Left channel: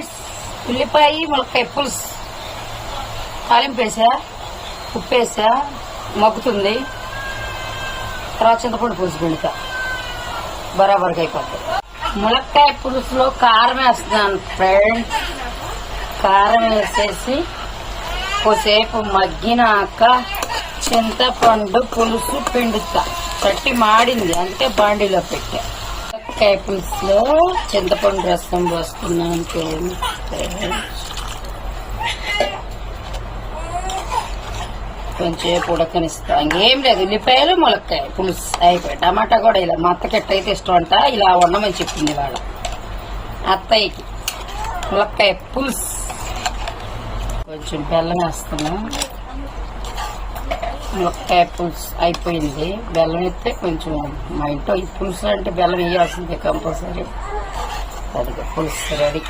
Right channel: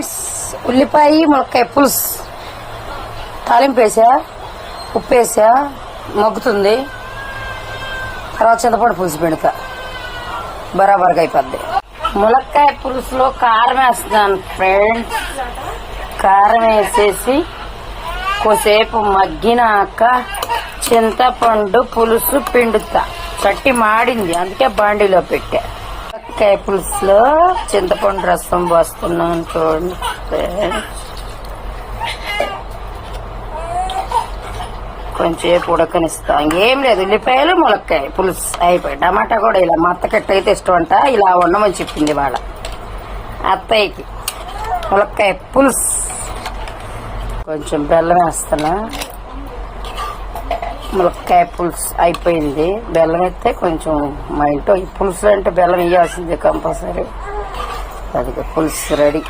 Friends, ఉల్లిపాయ ములక్కాయ పులుసు తాలింపు వేసా, ఉప్పు వేసా, మగ్గుతుంది. తర్వాత చింతపండు పులుసు పెడతా, బరాబర్గా అయిపోద్ది. ములక్కాయ పులుసులో కారం వేస్తాను ఫ్రెండ్స్. కారం వేసేసి కొద్దిసేపు మగ్గినాక చింతపండు పులుసు పిండుతా. చట్టి మాడింది, అందుకే బాండీలో పెట్టా. ములక్కాయ పులుసులో చింతపండు రసం పోస్తున్నాను చూడండి ఫ్రెండ్స్. కొంచెం ఉడకనిస్తాం. ఇంకేం లేదు, ఉల్లిపాయలు ములక్కాయ పులుసు అయిపోయి. టమాటా కూడా ఇలా మా అత్తకి ఎట్టయితే ఇష్టం అంట, ఇలా ఉండమని చెప్పింది వాళ్ళ అత్తయ్యకి. ములక్కాయ పులుసు కొంచెం బెల్లం వేస్తున్నా. ములక్కాయ పులుసు అయిపోయింది. బెల్లం అయితే కొంచెం మా ఇంట్లో ఈ పులుసు అంటే బెల్లం వేయాల్సిందే కంపల్సరీ. అది పులుసు రెడీ.